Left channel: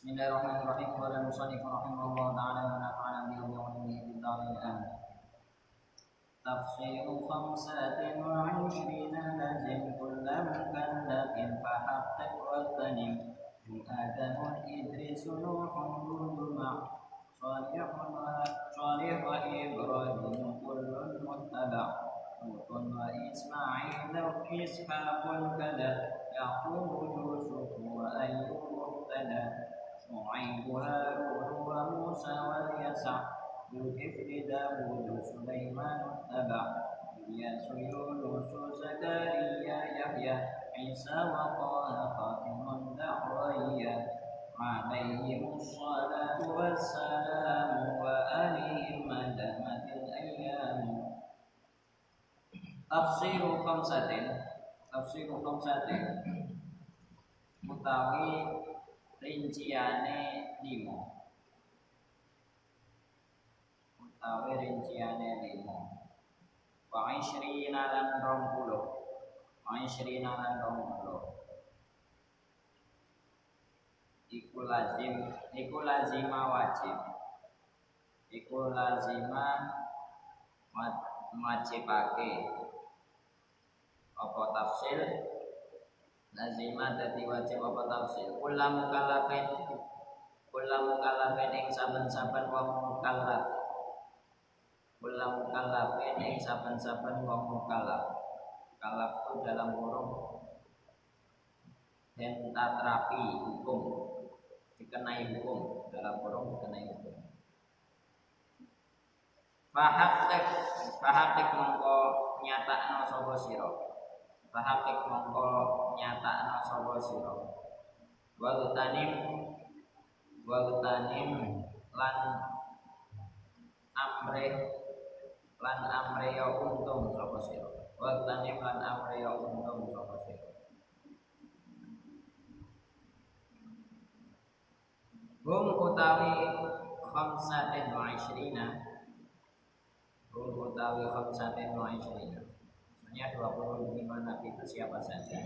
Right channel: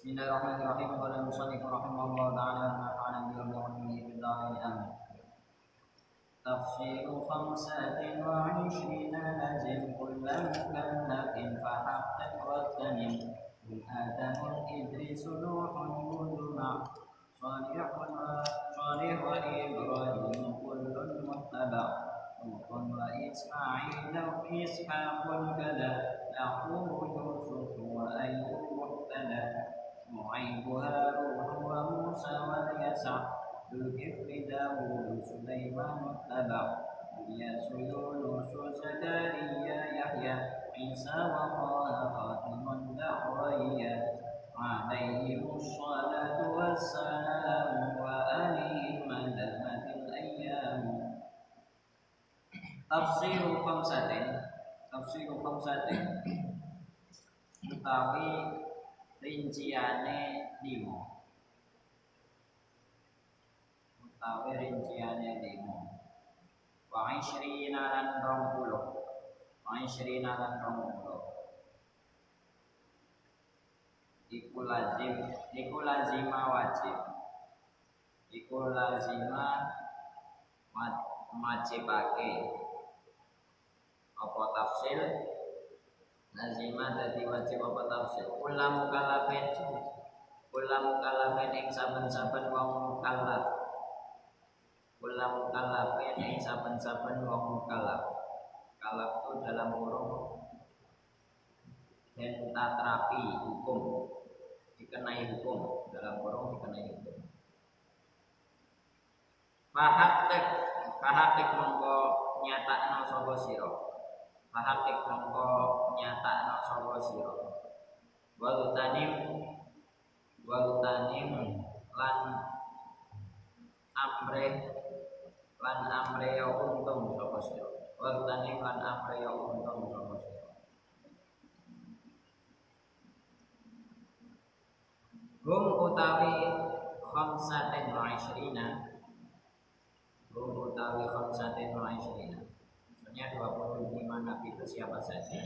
Bismillahirrahmanirrahim. Qala al-musannif rahimahullah ta'ala wa nafa'ana bihi wa bi'ulumihi fid dharain amin. Tafsiru 25 lazim kullu mukallafin fahaqqiq wa tanim Adamun Idrisu Nuhun Hud Salih wa Ibrahim kullun muttaba' Lutun wa Ismail wa Ishaqun kada Yaqub Yusuf wa Ayyub muhtada Shu'aib Harun wa Musa wa Yasa' Dzulkifli Dawud Sulaiman taba' Ilyas Yunus Zakaria Yahya Isa wa Taha Khatimun da'wiyya Alaihimus salatu wassalamu wa alihim madamatil ayyam. Tafsiru khamsatin utawi rinciane 5 wa ishrina lan 20 iku lazima wajib wajibake apa tafsil lazima dadi wajib apa tafsil kula mukallafin ing saben-saben wong mukallaf mukallaf itu dalam kurung dan tatrapi hukum dikenai hukum Fahaqqiq mongko nyatakno sapa sira Wagtanim lan amre ya untung sapa sira Hum utawi khamsatin wa ishrina Maksudnya 25 nabi itu siapa saja?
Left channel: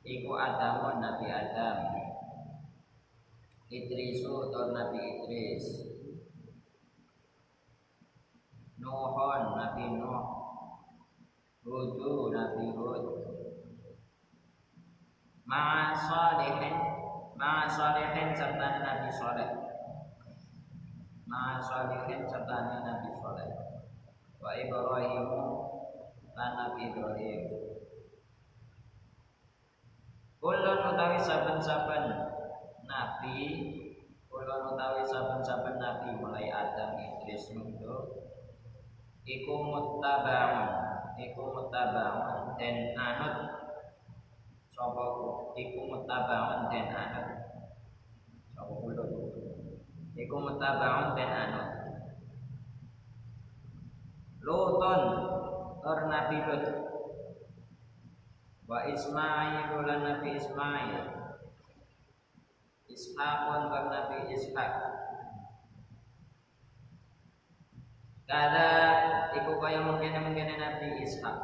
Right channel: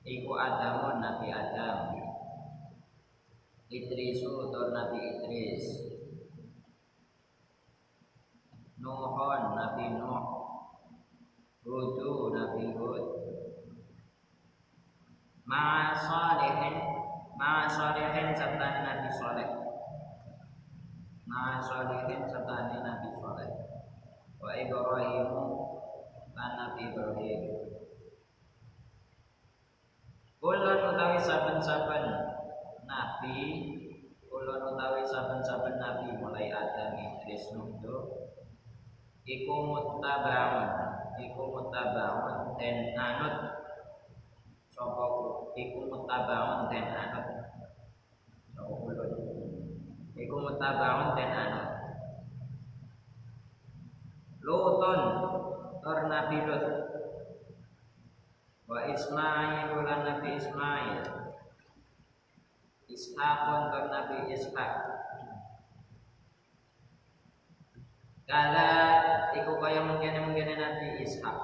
Iku Adamun Nabi Adam, Idrisu tur Nabi Idris, Nuhun Nabi Nuh, Hudu Nabi Hud, Ma'a Salihin serta Nabi Saleh, wa Ibrahimu lan Nabi Ibrahim. Kulun utawi saben-saben nabi mulai Adam, Idris, Nuh iku muttabaun den anut sapa Lutun tur Nabi Lut wa Ismail lan Nabi Ismail Ishaqun tur Nabi Ishaq kada iku kaya mungkin Nabi Ishaq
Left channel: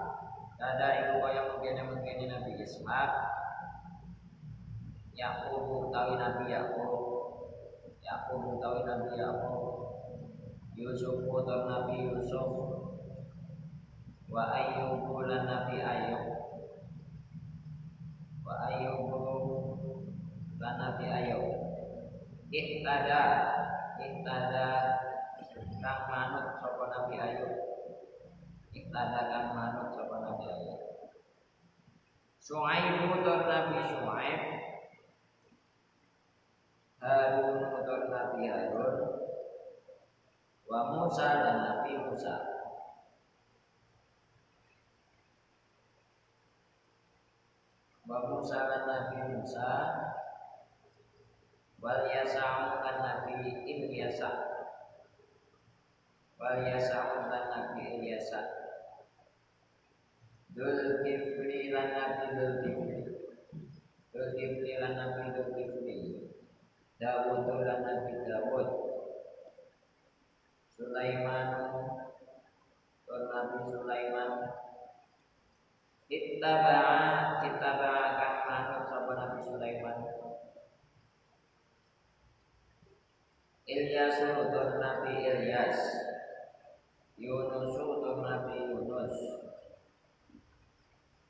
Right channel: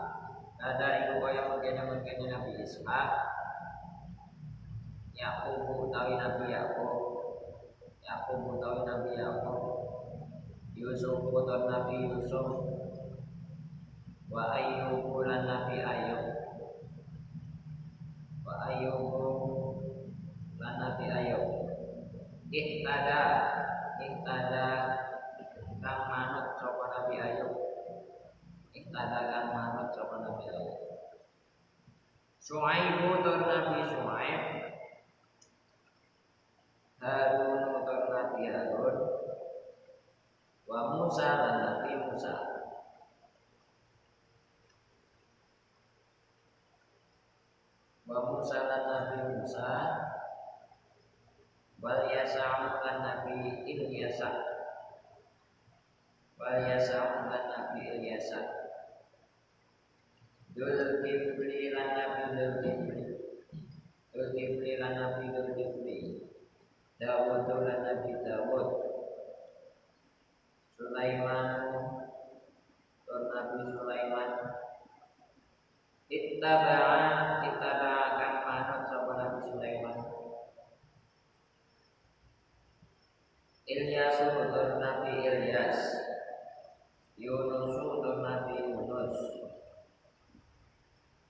Yaqub utawi Nabi Yaqub Yusuf tur Nabi Yusuf wa Ayyub lan Nabi Ayyub ihtada kang manut sapa Nabi Ayyub Shu'aib tur Nabi Shu'aib Harun tur Nabi Harun wa Musa lan Nabi Musa wal Yasa'u lan Nabi Ilyasa Dzulkifli lan Nabi Dzulkifli Dawud lan Nabi Dawud Sulaiman tur Nabi Sulaiman ittaba'a kang manut sapa Nabi Sulaiman Ilyasu tur Nabi Ilyas, Yunusu tur Nabi Yunus,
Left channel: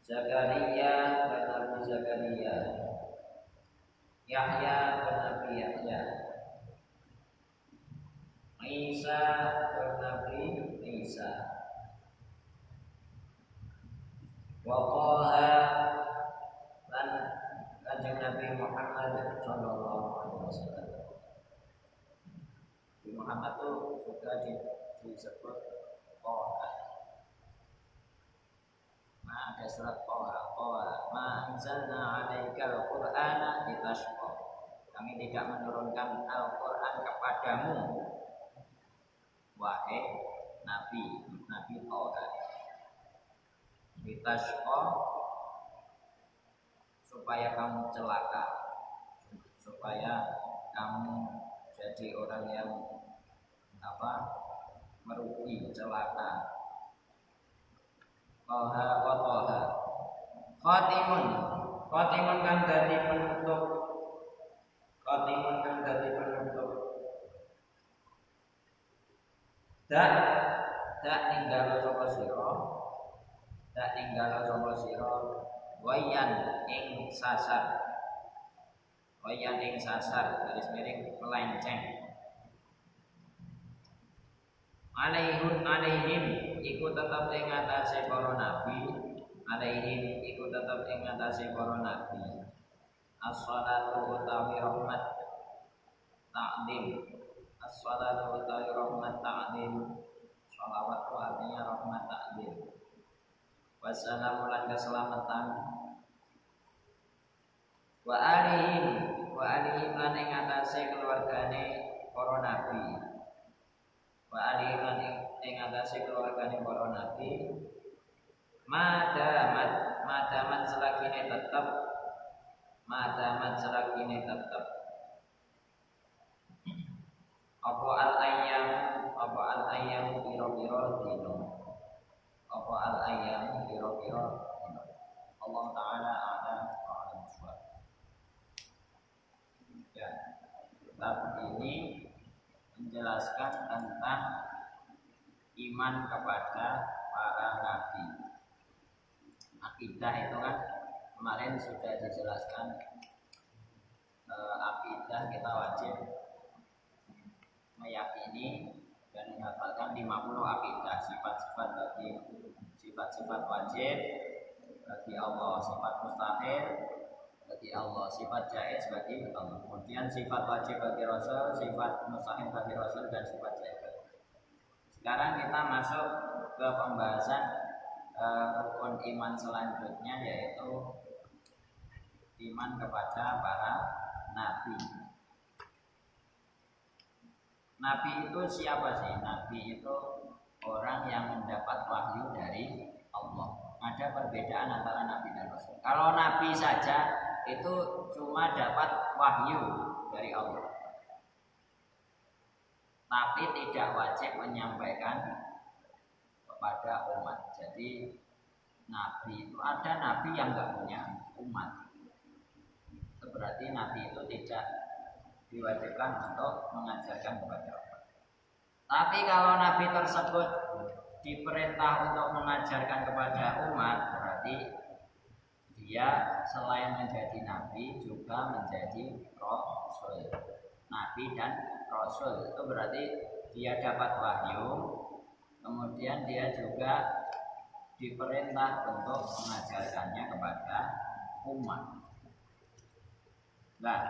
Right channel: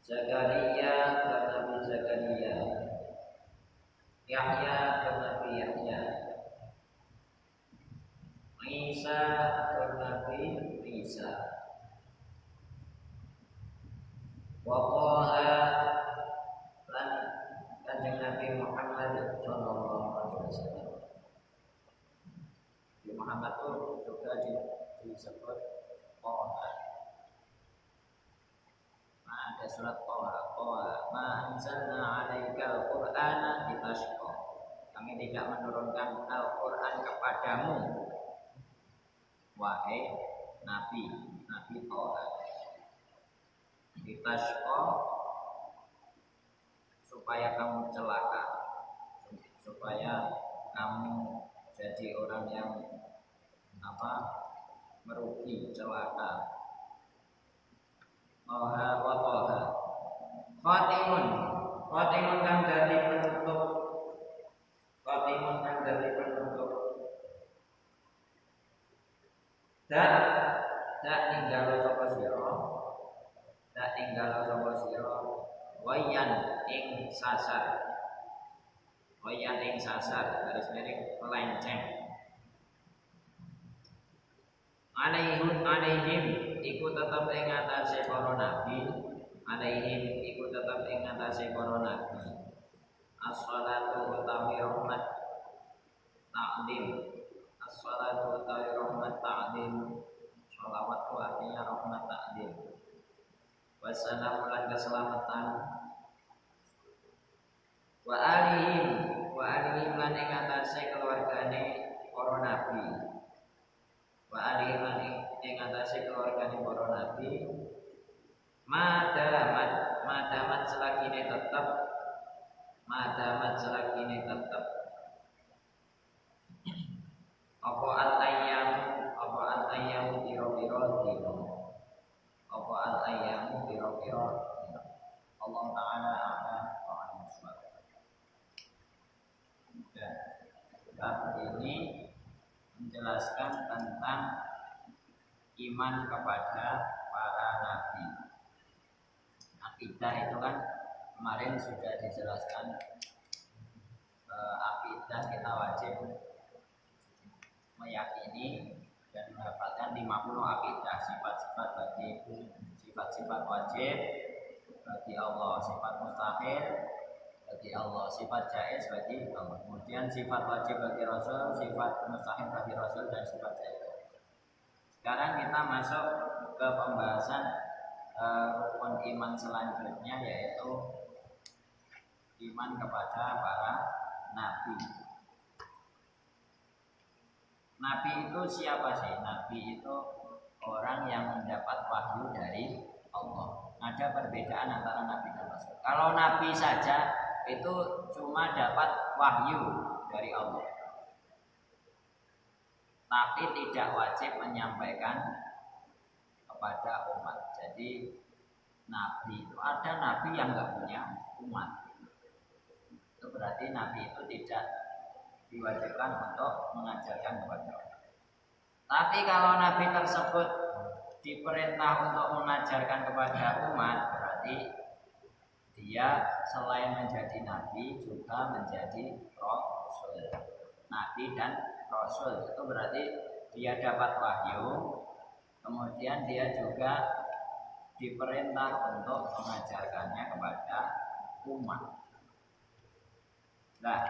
Zakaria tur Nabi Zakaria, Yahya tur Nabi Yahya, Isa tur Nabi Isa, wa Taha lan Kanjeng Nabi Muhammad sallallahu alaihi wasallam. Nabi Muhammad itu juga disebut Taha. Nah, ada surat Taha, ma anzalna 'alaikal Qur'ana litashqa. Kami tidak menurunkan Al-Qur'an kepadamu wahai Nabi Taha. Litashqa supaya kamu celaka, supaya kamu jadi orang yang merugi, celaka. Taha wa Taha. Khatimun kang dadi penutup. Khatimun kang dadi penutup. Dak ninggalo sapa sira. Dak ninggalo sapa sira. Wayan ing sasar. Wayan ing sasar, garis miring melenceng. Alaihim iku tetep ing atase para nabi. Alaihim iku tetep ing atase para nabi. As-shalatu utawi rahmat ta'zim. As-shalatu utawi rahmat ta'zim. Shalawat itu artinya rahmat ta'zim. Wassalamu lan keselamatan. Wa alihim lan ing atase keluargane para nabi. Wa alihim lan ing atase keluargane para nabi. Madamat selagine tetep. Madamat selagine tetep. Apa al-ayyam pira-pira dina. Apa al-ayyam pira-pira dina. Allah Ta'ala a'lam wa a'lam bishawab. Dan bab ini menjelaskan tentang iman kepada para nabi. Akidah itu kan kemarin sudah dijelaskan. Akidah kita wajib meyakini dan menghafalkan 50 akidah, sifat-sifat wajib bagi Allah, sifat mustahil bagi Allah, sifat jaiz bagi Allah. Kemudian sifat wajib bagi Rasul, sifat mustahil bagi Rasul, dan sifat jaiz. Sekarang kita masuk ke pembahasan rukun iman selanjutnya, yaitu iman kepada para nabi. Nabi itu siapa sih? Nabi itu orang yang mendapat wahyu dari Allah. Ada perbedaan antara nabi dan rasul. Kalau nabi saja itu cuma dapat wahyu dari Allah, tapi tidak wajib menyampaikan kepada umat. Jadi nabi itu, ada nabi yang nggak punya umat. Itu berarti nabi itu tidak diwajibkan untuk mengajarkan kepada orang. Tapi kalau nabi tersebut diperintah untuk mengajarkan kepada umat, berarti dia selain menjadi nabi juga menjadi rasul. Nabi dan rasul itu berarti dia dapat wahyu, kemudian dia juga diperintah untuk mengajarkannya kepada umat. Nah,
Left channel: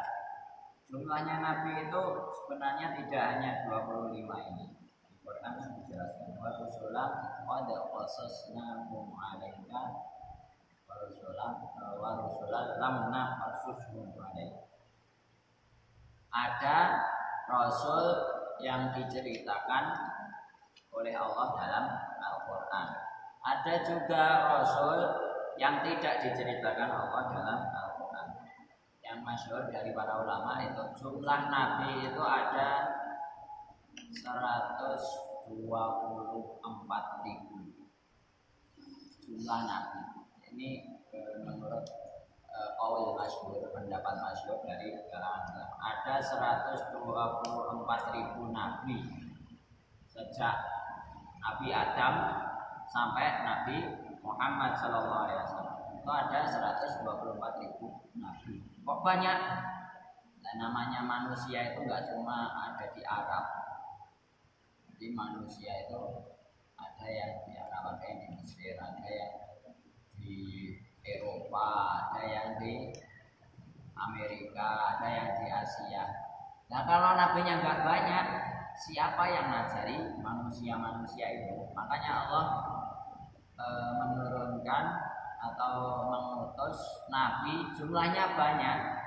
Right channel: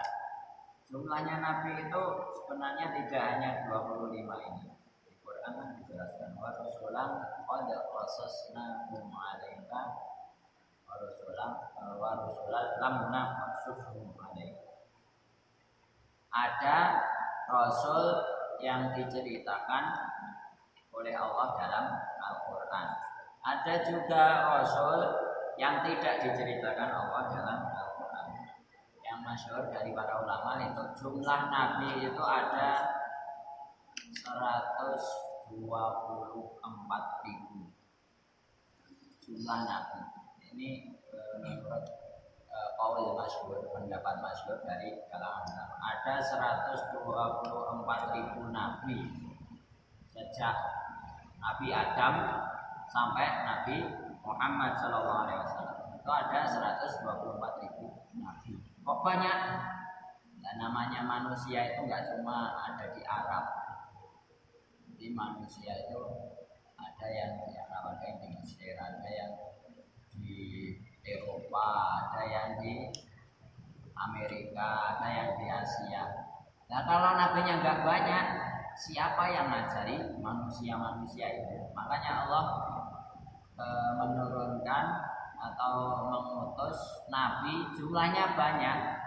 jumlahnya nabi itu sebenarnya tidak hanya 25 ini. Di Quran kan dijelaskan wa rusulan qad qasasnahum 'alaika wa rusulan lam naqasushum 'alaika. Ada rasul yang diceritakan oleh Allah dalam Al-Qur'an. Ada juga rasul yang tidak diceritakan Allah dalam Al-Qur'an. Yang masyhur dari para ulama itu jumlah nabi itu ada 124.000 jumlah nabi. Ini menurut qaul masyhur, pendapat masyhur dari kalangan ulama. ada 124.000 nabi sejak Nabi Adam sampai Nabi Muhammad SAW. Itu ada 124.000 nabi. Kok banyak? Nah, namanya manusia itu nggak cuma ada di Arab. Jadi manusia itu ada yang di Arab, ada yang di Mesir, ada yang di Eropa, ada yang di Amerika, ada yang di Asia. Nah kalau nabinya nggak banyak, siapa yang ngajari manusia-manusia itu? Makanya Allah menurunkan atau mengutus nabi jumlahnya banyak.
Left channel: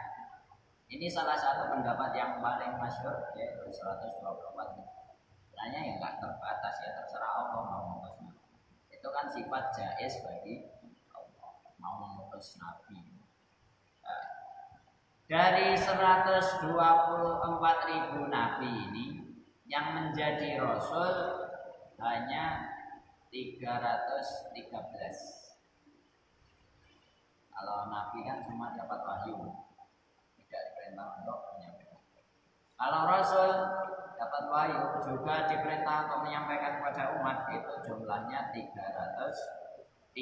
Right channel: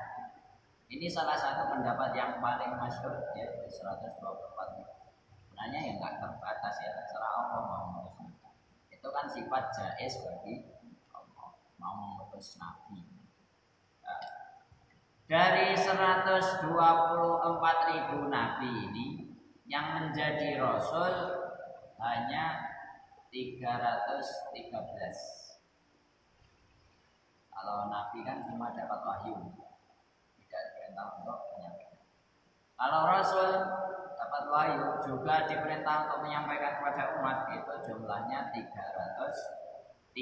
Ini salah satu pendapat yang paling masyhur, yaitu 124. Sebenarnya ya nggak terbatas, ya terserah Allah mau mengutus nabi. Itu kan sifat jaiz bagi Allah mau mengutus nabi. Nah, dari 124.000 nabi ini yang menjadi rasul hanya 313. Kalau nabi kan cuma dapat wahyu, tidak diperintah untuk menyampaikan. Kalau rasul dapat wahyu juga diperintah untuk menyampaikan kepada umat, itu jumlahnya 313.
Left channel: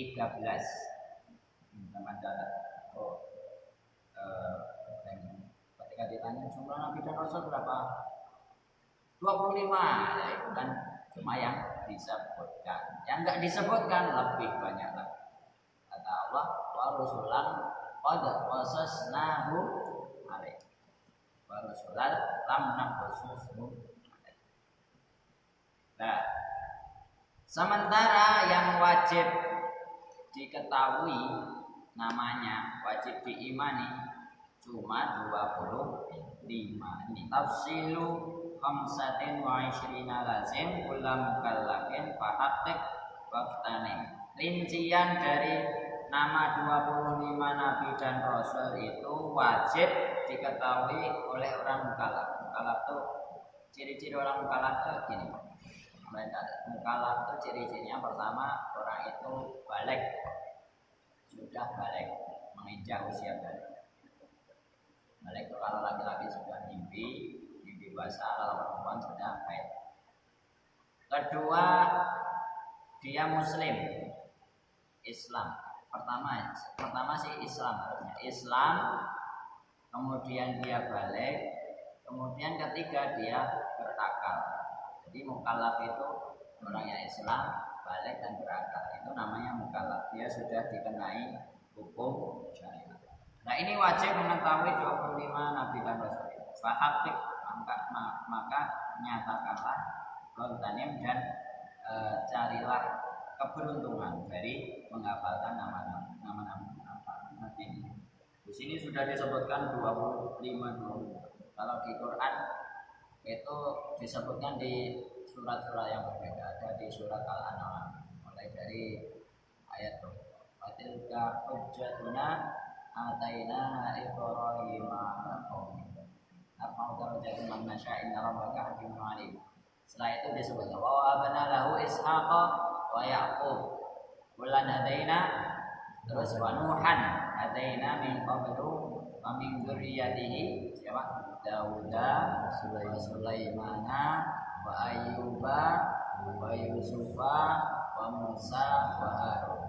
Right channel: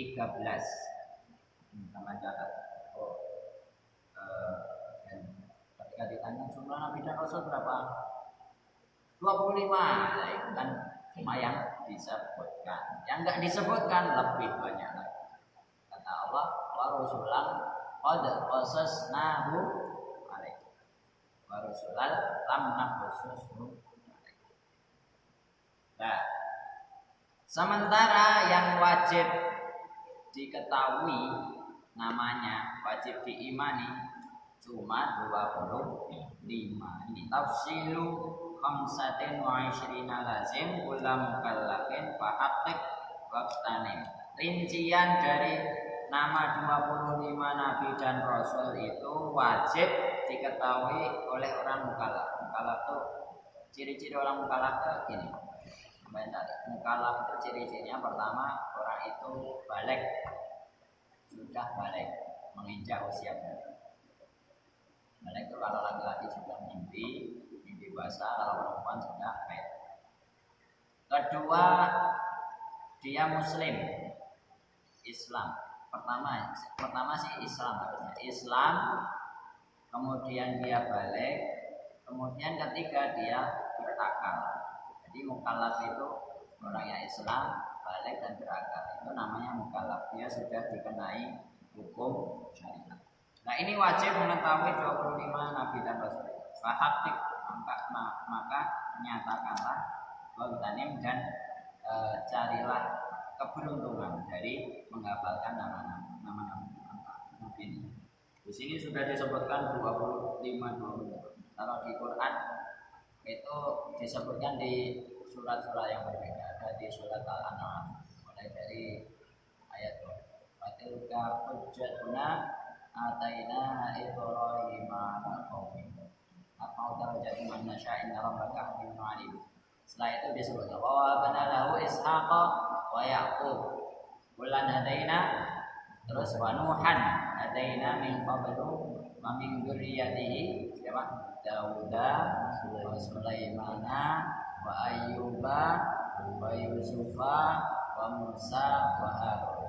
Sama catat. Dan ketika ditanya jumlah nabi dan rasul berapa? 25. Nah, itu kan cuma yang disebutkan. Yang enggak disebutkan lebih banyak lagi. Kata Allah, wa rusulan qad qasasnahu alaih. Wa rusulan lam naqsushu alaih. Nah, sementara yang wajib diketahui namanya, wajib diimani cuma 25. Ini tafsilu khamsatin wa ishrina lazim kula mukallafin fahaqqiq waqtanim. Rincian dari nama 25 nabi dan rasul itu wajib diketahui oleh orang mukallaf. Mukallaf itu ciri-ciri orang mukallaf itu gini. Mukallaf itu ciri-cirinya pertama, orang itu balik, sudah balik, menginjak usia balik. Balik itu kalau laki-laki sudah mimpi basah, kalau perempuan sudah haid. Kedua, dia muslim, Islam. Pertama sih Islam harusnya. Islam, kemudian dia balik, kemudian ketiga dia berakal. Jadi mukallaf itu orang yang Islam, balik dan berakal. Itu namanya mukallaf. Dia sudah dikenai hukum syariat. Nah ini wajib mengetahui 25 nabi dan rasul. Fahaqqiq, maka nyatakanlah waqtanim dan carilah keberuntungan dari menghafalkan nama-nama nabi ini. Di sini sudah disebutkan 25. Kalau di Quran itu disebutkan di surat-surat yang berbeda. Ada di surat Al-An'am mulai dari ayat Fatilka hujjatuna ataina Ibrahim ala qaumi narfa'u darajatin man nasya' inna rabbaka hakimun alim. Setelah itu disebut wa wahabna lahu ishaqa wa yaqub kullan hadaina, terus wa nuhan hadaina min qablu wa min dzurriyyatihi siapa? Dauda wa Sulaimana wa Ayyuba wa Yusufa wa Musa wa Harun.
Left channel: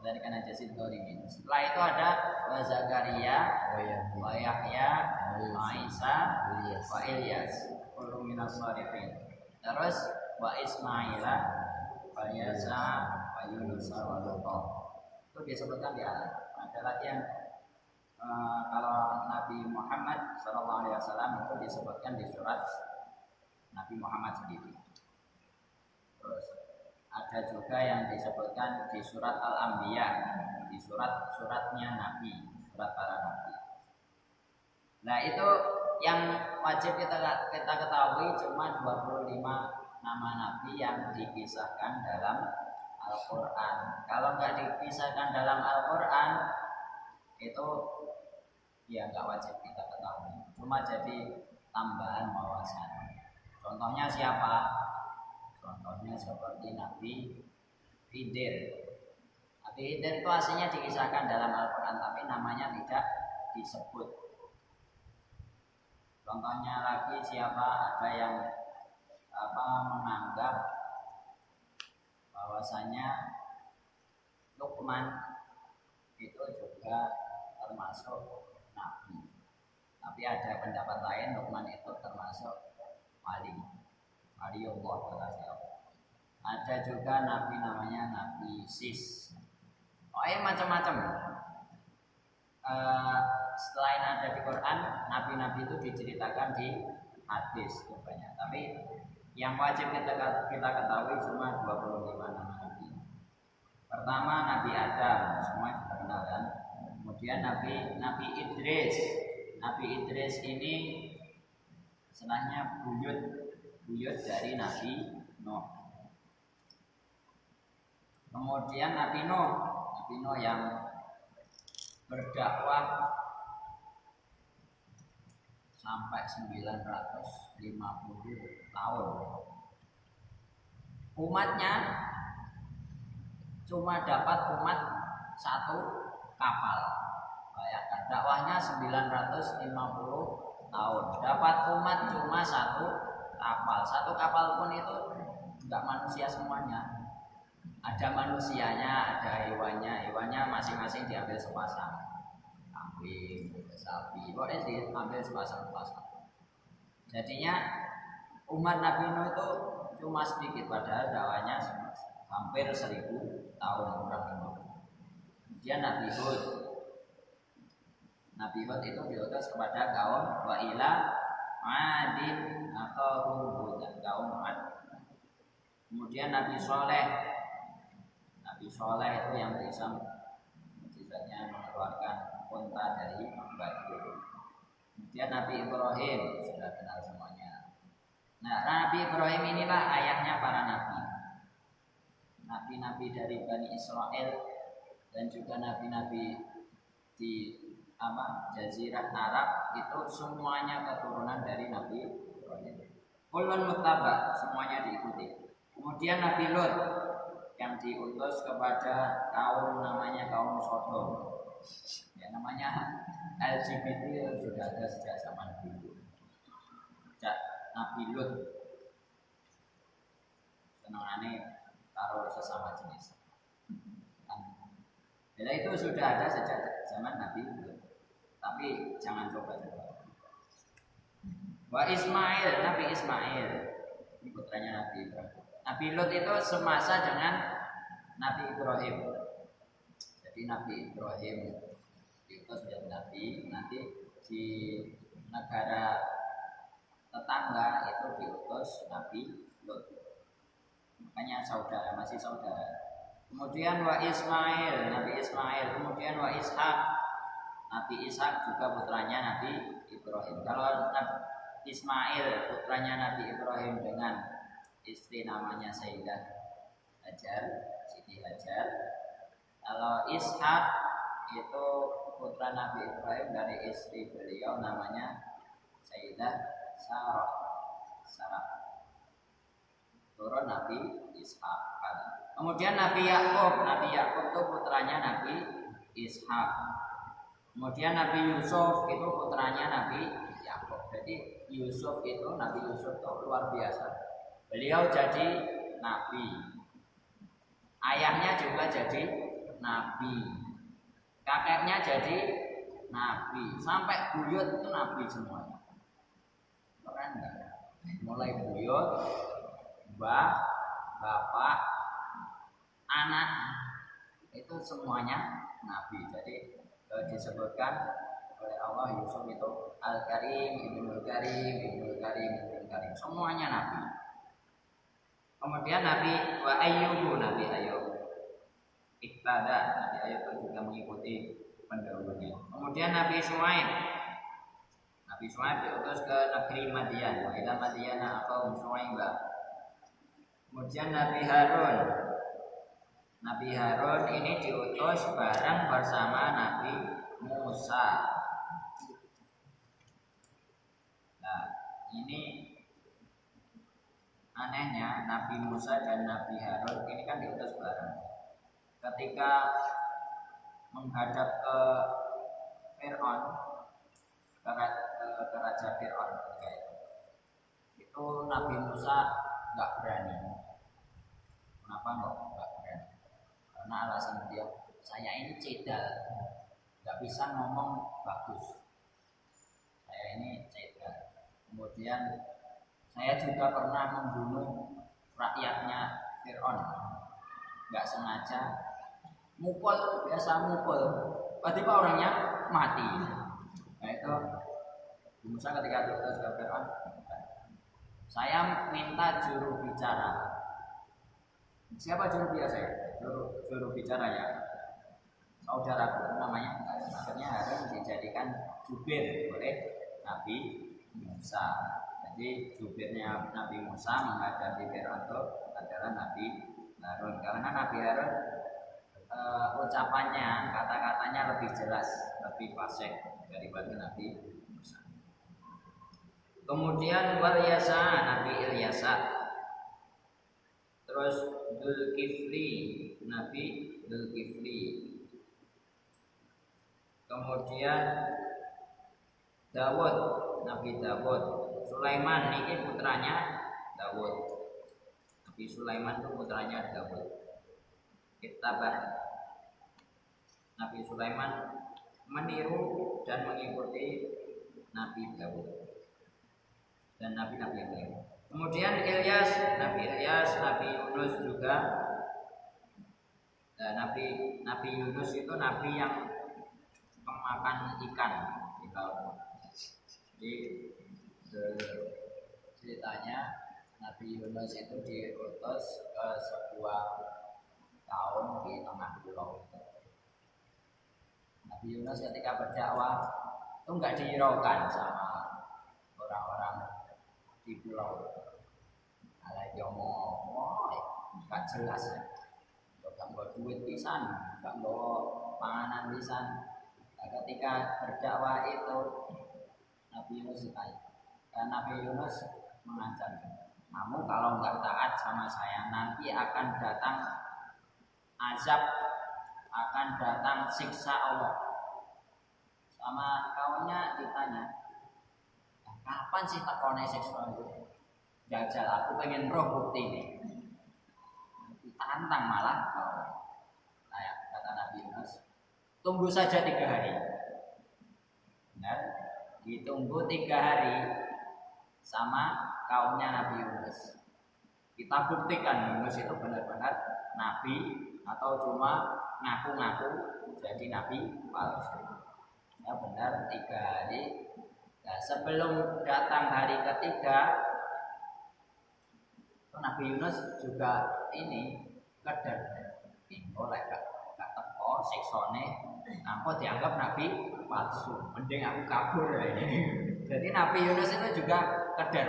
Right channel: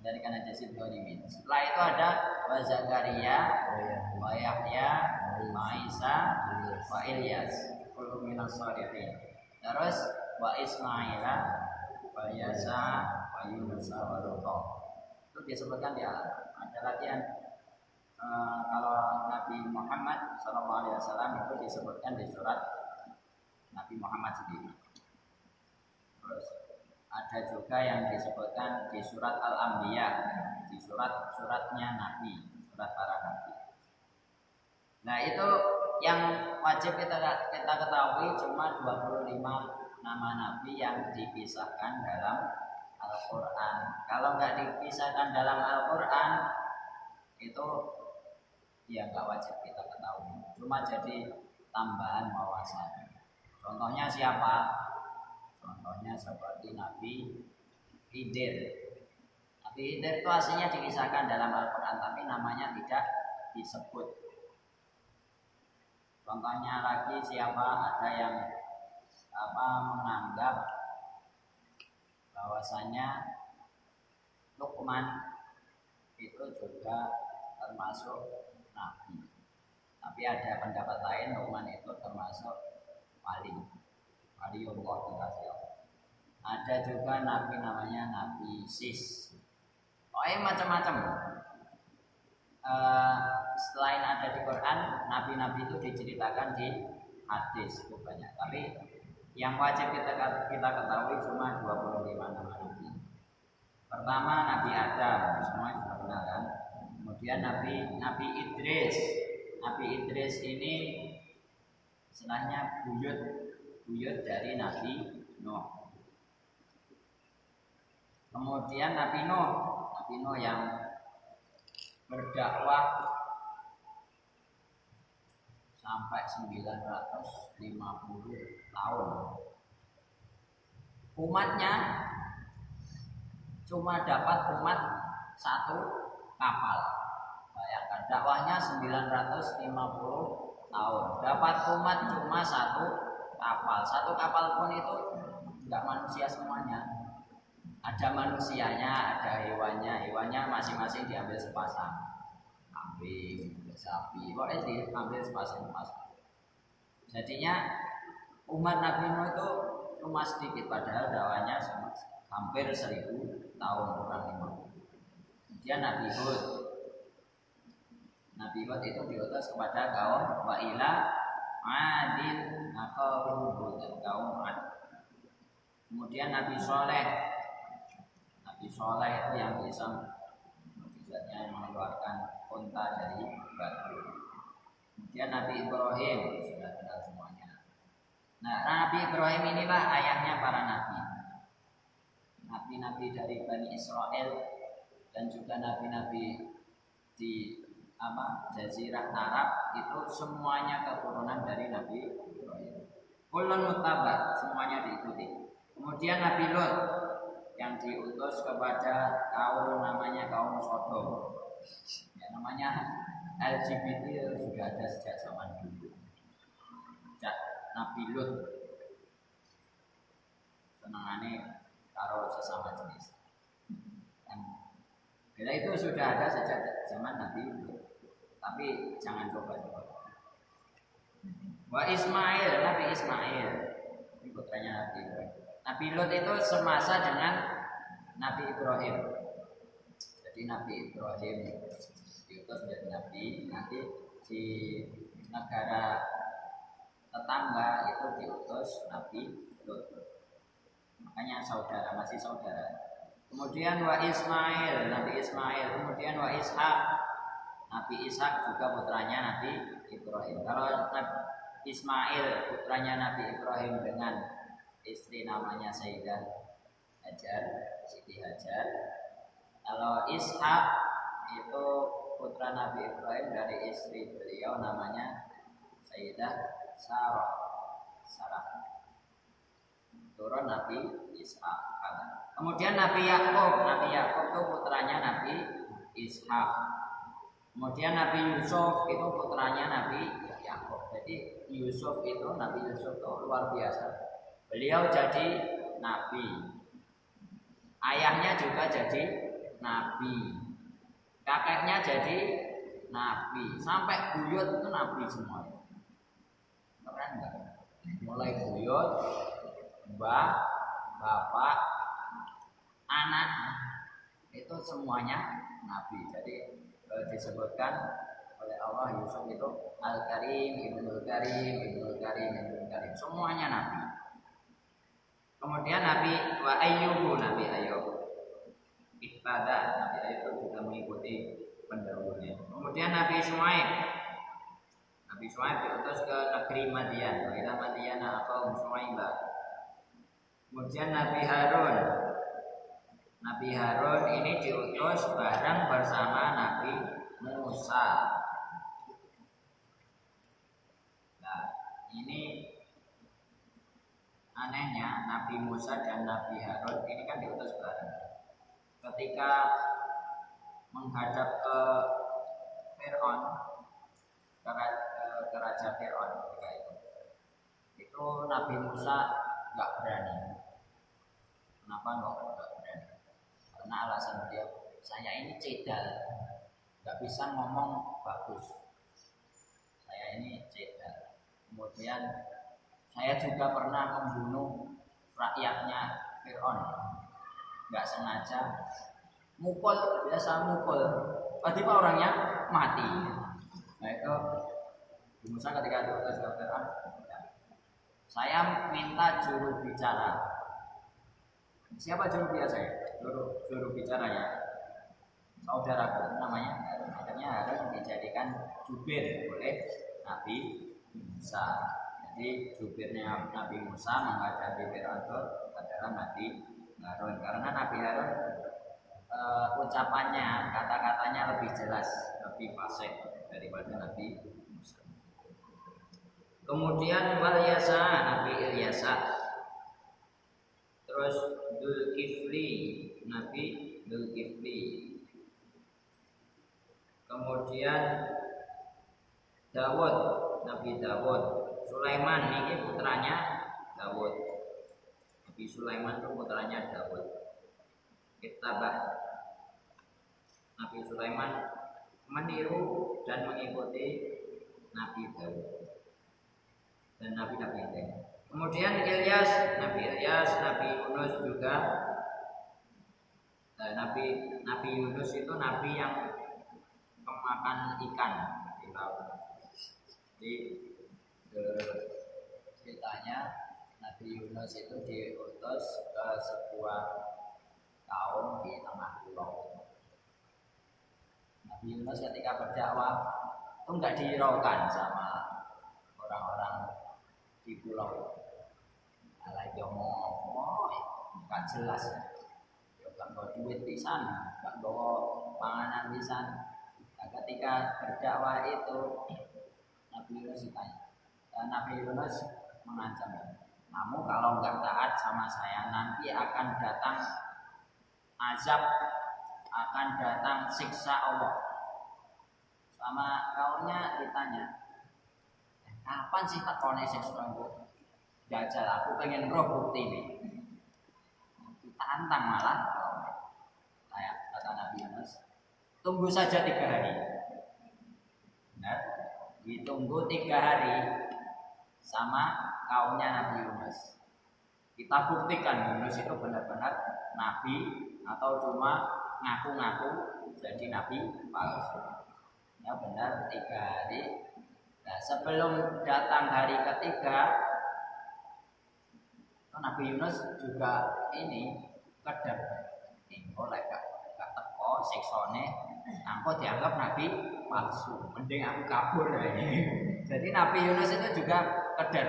Dari kana jasid dolimin. Setelah itu ada wa Zakaria wa Yahya wa Isa wa Ilyas kullu minas shalihin. Terus wa Ismaila wa Yasa wa Yunus wa Lut. Itu disebutkan di Al-An'am. Ada lagi yang kalau Nabi Muhammad SAW itu disebutkan di surat Nabi Muhammad sendiri. Terus ada juga yang disebutkan di surat Al-Anbiya, di suratnya Nabi, surat para Nabi. Nah itu yang wajib kita ketahui cuma 25 nama Nabi yang dipisahkan dalam Al-Quran. Kalau nggak dipisahkan dalam Al-Quran itu ya nggak wajib kita ketahui, cuma jadi tambahan wawasan. Contohnya siapa? Contohnya seperti Nabi Khidir. Nabi Khidir itu aslinya dikisahkan dalam Al-Quran, tapi namanya tidak disebut. Contohnya lagi siapa ada yang menganggap bahwasanya Luqman itu juga termasuk nabi. Tapi ada pendapat lain Luqman itu termasuk waliullah terkasih Allah. Ada juga nabi namanya Nabi Sis. Macam-macam. Selain ada di Quran, nabi-nabi itu diceritakan di hadis itu banyak. Tapi yang wajib kita ketahui cuma 25 nama nabi. Pertama Nabi Adam, semua sudah kenal kan? Kemudian Nabi Idris. Nabi Idris ini istilahnya buyut dari Nabi Nuh. Kemudian Nabi Nuh yang berdakwah sampai 950 tahun. Umatnya cuma dapat umat satu kapal. Bayangkan dakwahnya 950 tahun. Dapat umat cuma satu kapal. Satu kapal pun itu enggak manusia semuanya. Ada manusianya, ada hewannya. Hewannya masing-masing diambil sepasang. Kambing, sapi, pokoknya diambil sepasang-sepasang. Jadinya umat Nabi Nuh itu cuma sedikit, padahal dakwahnya hampir 1000 tahun kurang 50. Kemudian Nabi Hud itu diutus kepada kaum wa ila adin aqahum Hud, kaum Ad. Kemudian Nabi Soleh itu yang bisa mukjizatnya mengeluarkan unta dari batu. Kemudian Nabi Ibrahim sudah kenal semuanya. Nah, Nabi Ibrahim inilah ayahnya para nabi. Nabi-nabi dari Bani Israel dan juga nabi-nabi di Jazirah Arab itu semuanya keturunan dari Nabi Ibrahim. Kullun muttaba, semuanya diikuti. Kemudian Nabi Lut yang diutus kepada kaum namanya kaum Sodom. Ya, namanya LGBT sudah ada sejak zaman dulu. Sejak Nabi Lut senangane karo sesama jenis. Bila itu sudah ada sejak zaman Nabi Lut. Tapi jangan coba-coba. Wa Ismail, Nabi Ismail ini putranya Nabi Ibrahim. Nabi Lut itu semasa dengan Nabi Ibrahim. Jadi Nabi Ibrahim diutus menjadi nabi, nanti di negara tetangga itu diutus Nabi Lut. Makanya masih saudara. Kemudian wa Ismail, Nabi Ismail. Kemudian wa Ishak, Nabi Ishak juga putranya Nabi Ibrahim. Kalau Ismail putranya Nabi Ibrahim dengan istri namanya Sayyidah Hajar, Siti Hajar. Kalau Ishak itu putra Nabi Ibrahim dari istri beliau namanya Sayyidah Sarah. Turun Nabi Ishak. Kemudian Nabi Yakub itu putranya Nabi Ishak. Kemudian Nabi Yusuf itu putranya Nabi Yakub. Jadi Nabi Yusuf itu luar biasa. Beliau jadi nabi. Ayahnya juga jadi nabi. Kakeknya jadi nabi. Sampai buyut itu nabi semuanya. Keren enggak? Mulai buyut, mbah, bapak, anak itu semuanya nabi. Jadi disebutkan oleh Allah Yusuf itu Al-Karim, Ibnul Karim, semuanya nabi. Kemudian Nabi Ayyub Ihtada, Nabi Ayyub itu juga mengikuti pendahulunya. Kemudian Nabi Syuaib diutus ke negeri Madian, wa ila Madiana aqaum Syuaiba. Kemudian Nabi Harun ini diutus bareng bersama Nabi Musa. Nah, ini anehnya Nabi Musa dan Nabi Harun ini kan diutus bareng. Ketika menghadap ke Fir'aun, ke Raja Fir'aun ketika itu. Itu Nabi Musa nggak berani. Kenapa nggak berani? Karena alasan beliau, saya ini cedal, nggak bisa ngomong bagus. Saya ini cedal. Kemudian saya juga pernah membunuh rakyatnya Fir'aun, nggak sengaja, mukul, biasa mukul, tiba-tiba orangnya mati. Nah itu Musa ketika diutus ke Fir'aun, saya minta juru bicara. Siapa juru bicara saya? Juru bicaranya saudaraku namanya. Akhirnya Harun dijadikan jubir oleh Nabi Musa. Jadi jubirnya Nabi Musa menghadapi Fir'aun itu adalah Nabi Harun. Karena Nabi Harun ucapannya, kata-katanya lebih jelas, lebih fasih daripada Nabi Musa. Kemudian wal Yasa, Nabi Ilyasa. Terus Dzulkifli, Nabi Dzulkifli. Kemudian Dawud, Nabi Dawud. Sulaiman ini putranya Dawud. Nabi Sulaiman itu putranya Dawud. Ittabah, Nabi Sulaiman meniru dan mengikuti Nabi Dawud dan nabi-nabi yang lain. Kemudian Ilyas, Nabi Yunus juga. Nabi Yunus itu nabi yang kemakan ikan di laut. Jadi ceritanya Nabi Yunus itu diutus ke sebuah kaum di tengah pulau. Nabi Yunus ketika berdakwah itu nggak dihiraukan sama orang-orang di pulau. Alai ngomong, nggak jelas ya. Nggak bawa duit pisan, nggak bawa panganan pisan. Nah, ketika berdakwah itu Nabi Yunus ditanya, dan Nabi Yunus mengancam, kamu kalau nggak taat sama saya nanti akan datang azab, akan datang siksa Allah. Sama kaumnya ditanya, kapan sih tekone siksa itu? Jajal, aku pengen roh bukti nih. Tantang malah kau. Nah, kata Nabi Yunus, tunggu saja 3 hari. Benar? Ditunggu 3 hari sama kaumnya Nabi Yunus. Kita buktikan Yunus itu benar-benar nabi atau cuma ngaku-ngaku jadi nabi palsu. Ya benar 3 hari. Nah, sebelum datang hari ketiga, Nabi Yunus juga ini keder. Oleh gak teko siksone, aku dianggap nabi palsu. Mending aku kabur ini. Jadi Nabi Yunus itu juga keder.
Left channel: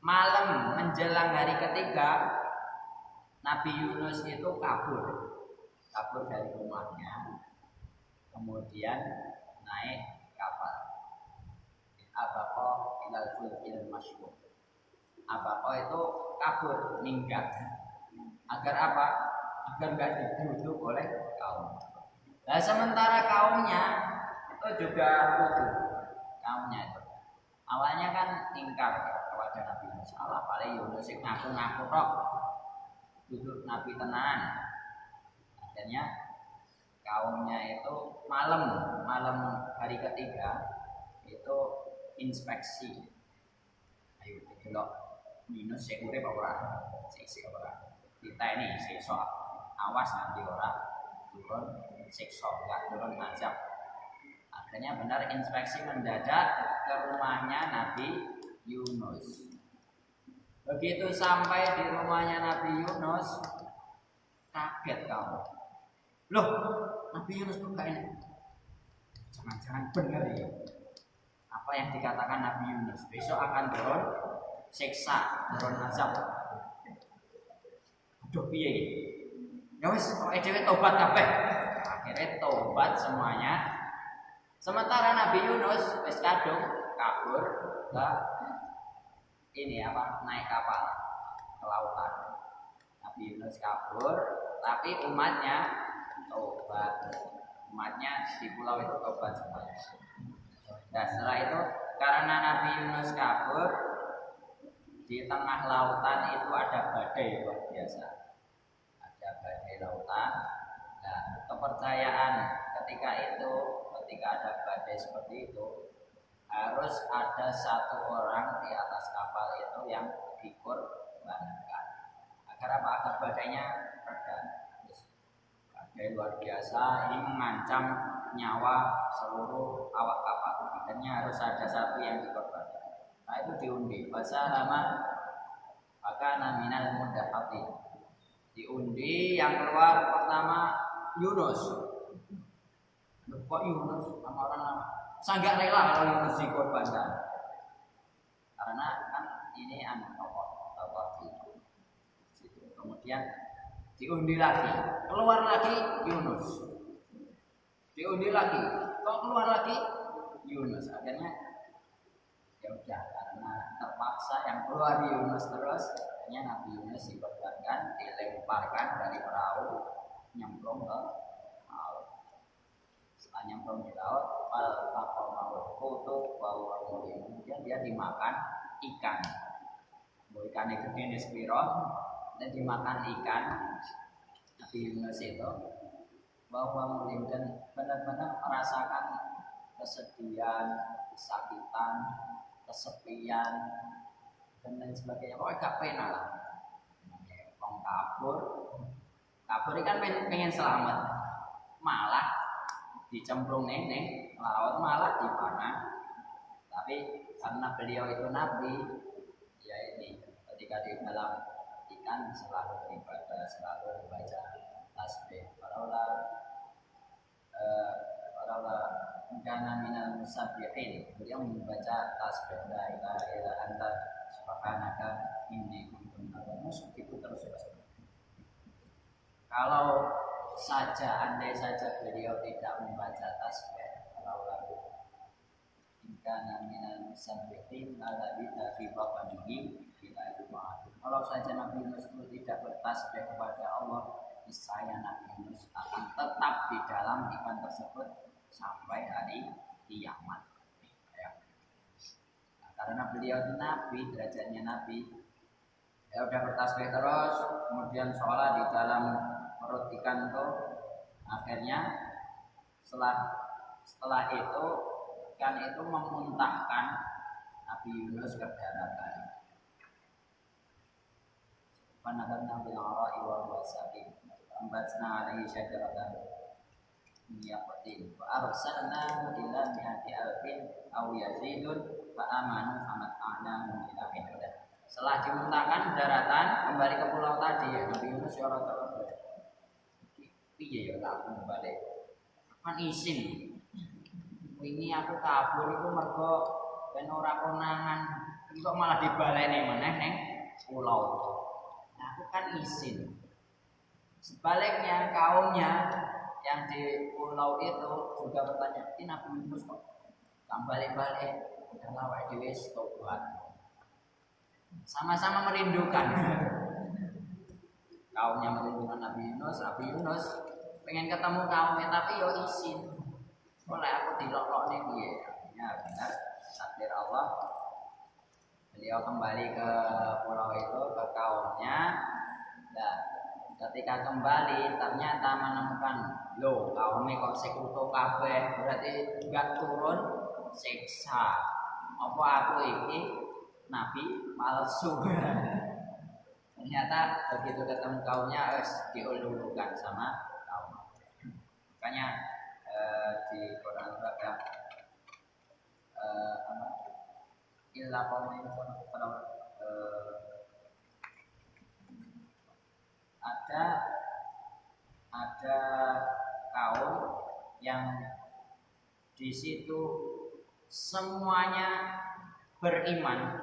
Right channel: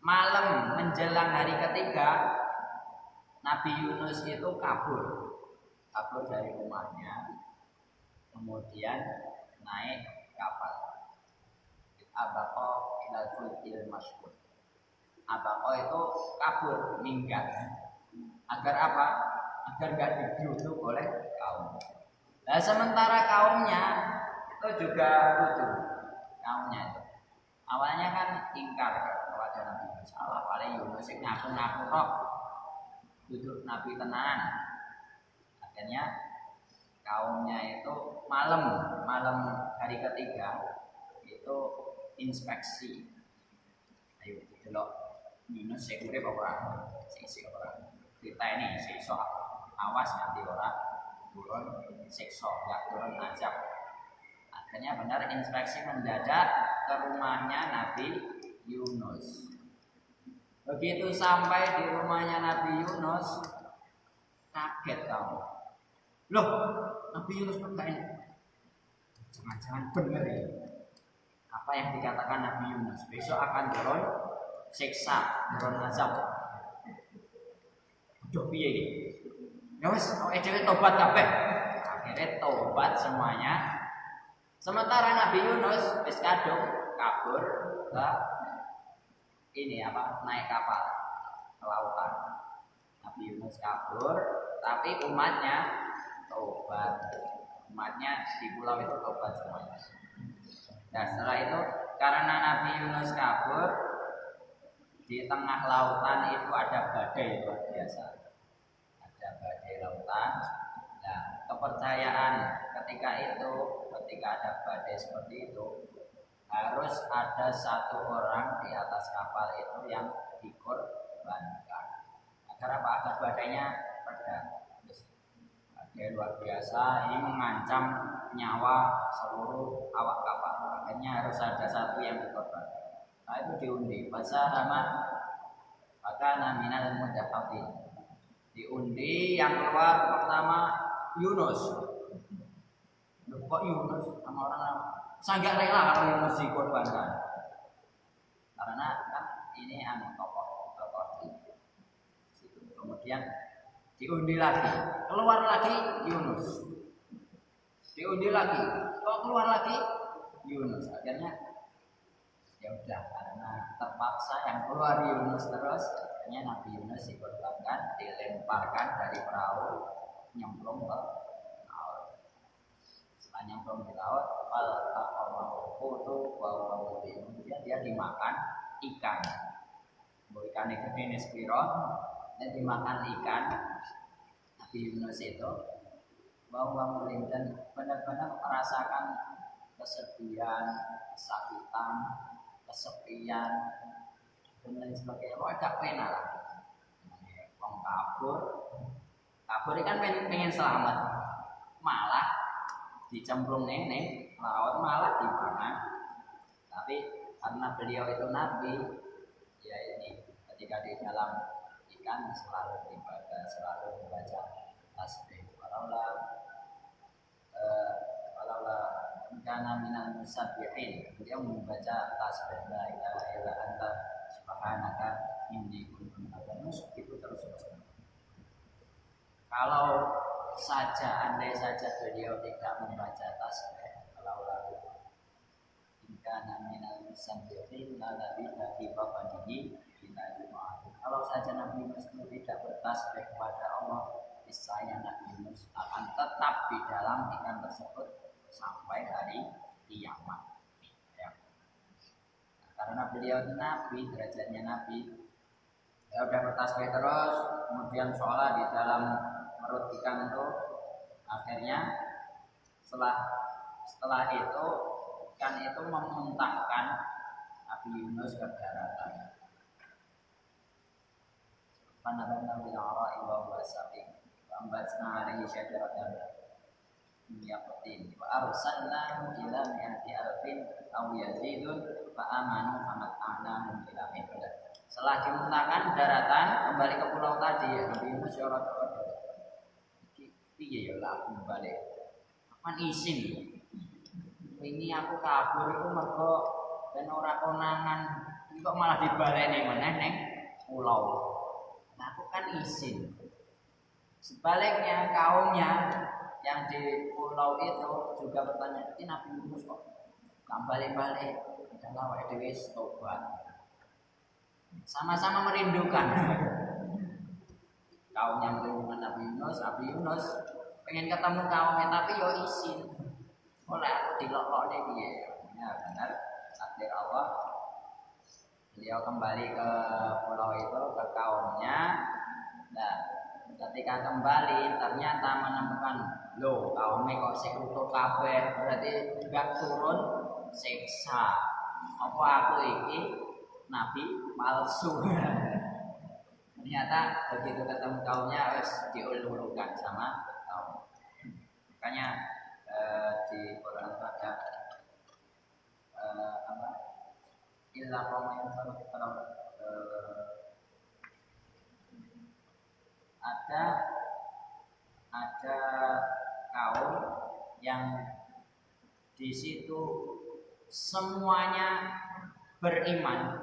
Malam menjelang hari ketiga, Nabi Yunus itu kabur dari rumahnya, kemudian naik kapal. Abaqa ilal fulkil masyhur. Abaqa itu kabur, minggat. Agar apa? Agar gak digeruduk oleh kaum. Nah, sementara kaumnya itu juga lucu. Kaumnya itu awalnya kan ingkar kepada Nabi Yunus. Salah paling Yunus ngaku-ngaku tok duduk Nabi tenan. Akhirnya kaumnya itu malam hari ketiga itu inspeksi. Ayo delok Yunus sik urip apa ora? Sik ora. Kita ini sesok awas nanti ora turun siksa, enggak turun azab. Akhirnya benar inspeksi mendadak ke rumahnya Nabi Yunus. Begitu sampai di rumahnya Nabi Yunus, kaget kamu. Loh, Nabi Yunus kok kayak ini? Jangan-jangan benar ya? Apa yang dikatakan Nabi Yunus? Besok akan turun siksa, turun azab. Aduh piye iki? Ya wis, awake dhewe tobat kabeh. Akhirnya tobat semuanya. Sementara Nabi Yunus wis kadung kabur ke naik kapal ke lautan. Nabi Yunus kabur, tapi umatnya tobat. Umatnya di pulau itu tobat semuanya. Nah setelah itu karena Nabi Yunus kabur di tengah lautan itu ada badai luar biasa. Ada badai lautan. Nah kepercayaan ketika ada badai seperti itu harus ada satu orang di atas kapal itu yang dikorbankan. Agar apa? Agar badainya reda. Badai luar biasa ini mengancam nyawa seluruh awak kapal. Akhirnya harus ada satu yang dikorbankan. Nah itu diundi. Fasahama fakana minal mudhahatin. Diundi yang keluar pertama Yunus. Kok Yunus sama orang lama? Saya nggak rela kalau Yunus dikorbankan. Karena kan ini tokoh di situ. Kemudian diundi lagi, keluar lagi Yunus. Diundi lagi, kok keluar lagi Yunus. Akhirnya ya udah karena terpaksa yang keluar Yunus terus, akhirnya Nabi Yunus dikorbankan, dilemparkan dari perahu nyemplung ke laut. Setelah nyemplung di laut, fal taqamahu hutu wa huwa mulim. Kemudian dia dimakan ikan. Ikan itu gede spiro, dan dimakan ikan. Nabi Yunus itu bahwa mulim dan benar-benar merasakan kesedihan, kesakitan, kesepian dan lain sebagainya. Pokoknya gak pena lah. Wong kabur kan pengen selamat, malah dicemplung neng laut, malah dimakan. Tapi karena beliau itu nabi, ya ini ketika di dalam ikan selalu ibadah, selalu membaca tasbih. Walaula kana minal musabbihin, beliau membaca tasbih la ilaha illa anta subhanaka inni kuntu minadz zalimin. Itu terus. Kalau andai saja beliau tidak membaca tasbih, walaula kana minal musabbihin la labitha fi batnihi ila jumat. Kalau saja Nabi Yunus itu tidak bertasbih kepada Allah, niscaya Nabi Yunus akan tetap di dalam ikan tersebut sampai hari kiamat. Ya. Nah, karena beliau itu nabi, derajatnya nabi, ya udah bertasbih terus, kemudian sholat di dalam perut ikan itu. Akhirnya setelah itu ikan itu memuntahkan Nabi Yunus ke daratan. Fanabanna bil ara'i wa huwa saqim wa ambatna 'alaihi syajaratan min yaqtin wa arsalnahu ila mi'ati alfin aw yazidun fa amanu famata'nahum ila hin. Setelah dimuntahkan daratan kembali ke pulau tadi ya Nabi Yunus ya ora tau piye ya laku balik. Kan isin. Wingi aku kabur iku mergo ben ora konangan, kok malah dibaleni meneh ning pulau. Nah, aku kan izin. Sebaliknya kaumnya yang di pulau itu juga bertanya, "Ini Nabi Yunus kok gak balik-balik? Udahlah wae dhewe tobat." Sama-sama merindukan. Kaumnya merindukan Nabi Yunus pengen ketemu kaumnya tapi yo izin. Oleh aku dilok-lokne piye? Ya benar, takdir Allah. Beliau kembali ke pulau itu, ke kaumnya. Nah, ketika kembali ternyata menemukan, loh kaumnya kok sekutu kabeh, berarti gak turun siksa. Apa aku ini nabi palsu? Ternyata begitu ketemu kaumnya harus diululukan sama kaum. Makanya di Quran ada illa qauman yusarrifun ada kaum yang di situ semuanya beriman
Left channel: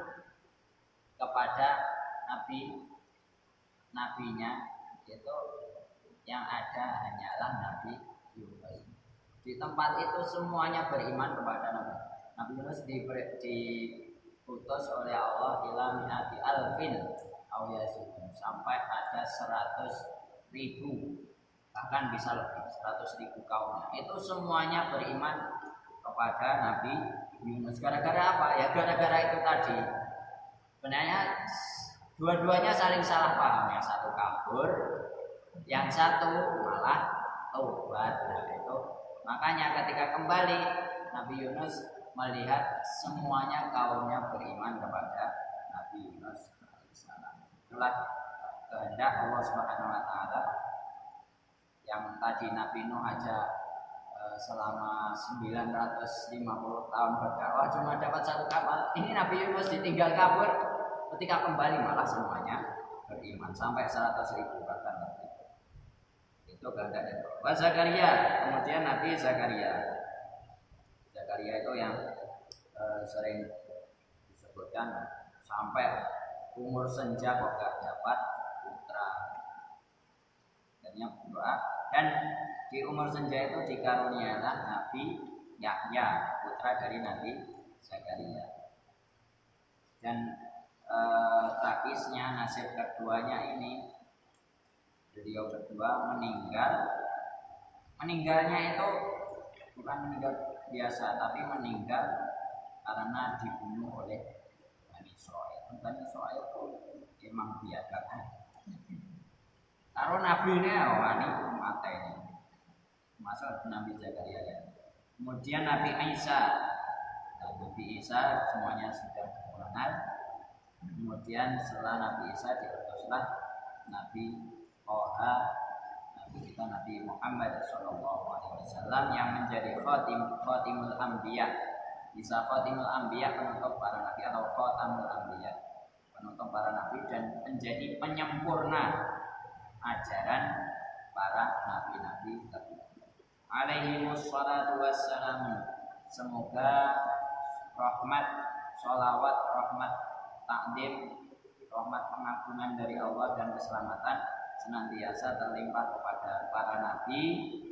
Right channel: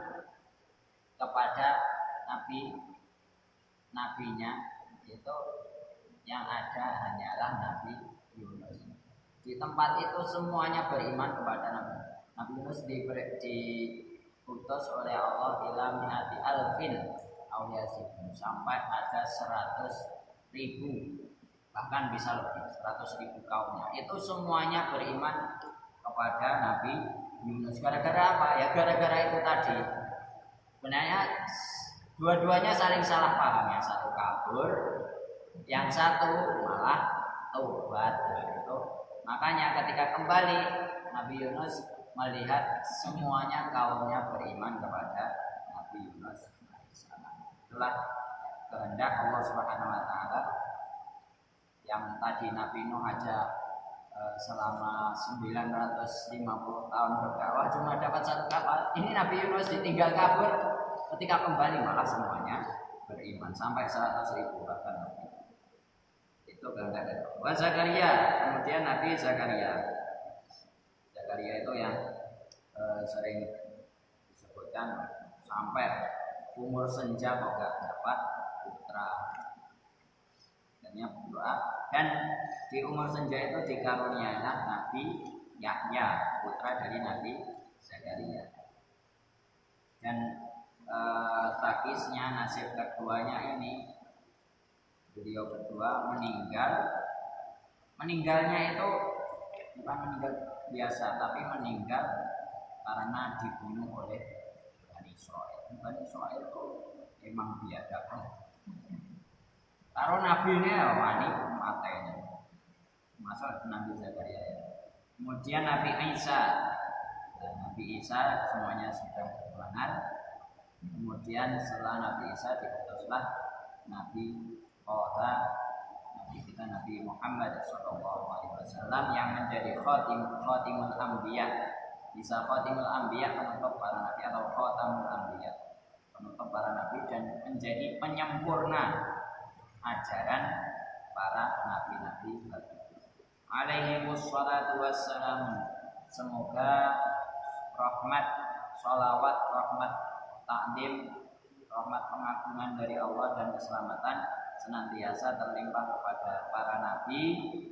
kepada nabinya, itu yang ada hanyalah Nabi Yunus. Di tempat itu semuanya beriman kepada Nabi Yunus. Diutus oleh Allah ila mi'ati alfin aw yazidun, sampai ada 100.000, bahkan bisa lebih 100.000 kaumnya. Itu semuanya beriman kepada Nabi Yunus. Gara-gara apa? Ya gara-gara itu tadi. Sebenarnya dua-duanya saling salah paham. Yang satu kabur, yang satu malah taubat. Nah, itu makanya ketika kembali Nabi Yunus melihat semuanya kaumnya beriman kepada Nabi Yunus alaihissalam. Itulah kehendak Allah Subhanahu wa taala. Yang tadi Nabi Nuh aja selama 950 tahun berdakwah cuma dapat satu kapal. Ini Nabi Yunus ditinggal kabur, ketika kembali malah semuanya beriman sampai 100.000 bahkan lebih. Itu kehendak dari Allah. Zakaria, kemudian Nabi Zakaria. Zakaria itu yang sering disebutkan sampai umur senja kok gak dapat putra. Akhirnya berdoa dan di umur senja itu dikaruniailah Nabi Yahya, putra dari Nabi Zakaria. Dan tragisnya nasib keduanya ini, beliau berdua meninggalnya itu bukan meninggal biasa, tapi meninggal karena dibunuh oleh Bani Israil. Bani Israil itu emang biadaban. Karo nabi ini wani mateni. Masuk Nabi Zakaria ya. Kemudian Nabi Isa. Dan Nabi Isa semuanya sudah mengenal. Kemudian setelah Nabi Isa diutuslah Nabi Toha, Nabi kita Nabi Muhammad SAW yang menjadi khatimul anbiya. Bisa khatimul anbiya, penutup para nabi, atau khatamul anbiya, penutup para nabi, dan menjadi penyempurna ajaran para nabi-nabi alaihimus salatu wassalam. Semoga rahmat, sholawat, rahmat takdim, rahmat pengagungan dari Allah dan keselamatan senantiasa terlimpah kepada para nabi,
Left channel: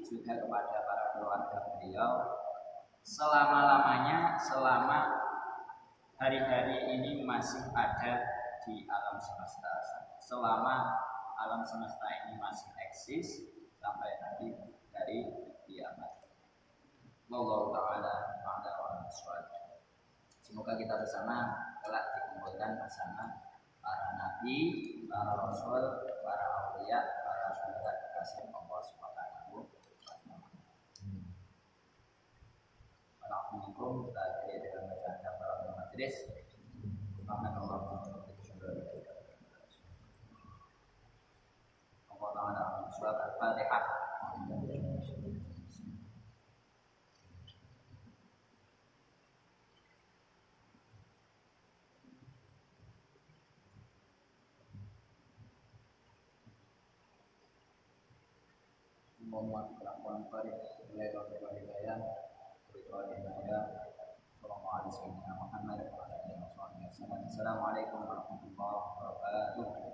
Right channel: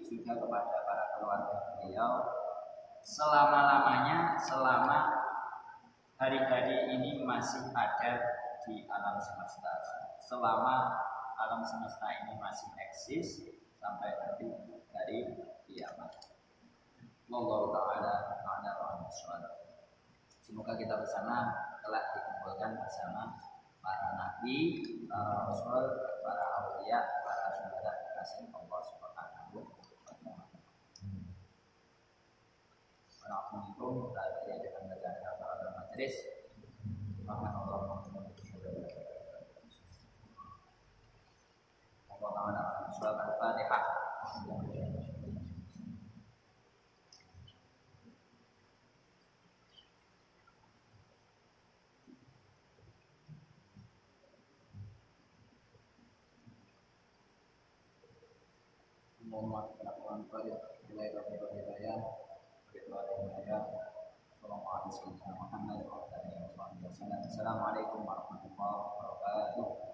juga kepada para keluarga beliau selama-lamanya, selama hari-hari ini masih ada di alam semesta, selama alam semesta ini masih eksis sampai nanti dari kiamat. Wallahu taala a'lam bishawab. Semoga kita bersama kelak dikumpulkan bersama para nabi, para rasul, para auliya, para syuhada kekasih Allah Subhanahu wa taala. Assalamualaikum warahmatullahi wabarakatuh. Dengan bacaan kafaratul majelis. Subhanallah wa bihamdihi. Allah taala surat Al-Fatihah. Muhammad kelakuan pada nilai kafirah hidayah beritulah hidayah. Assalamualaikum warahmatullahi wabarakatuh. Assalamualaikum warahmatullahi wabarakatuh.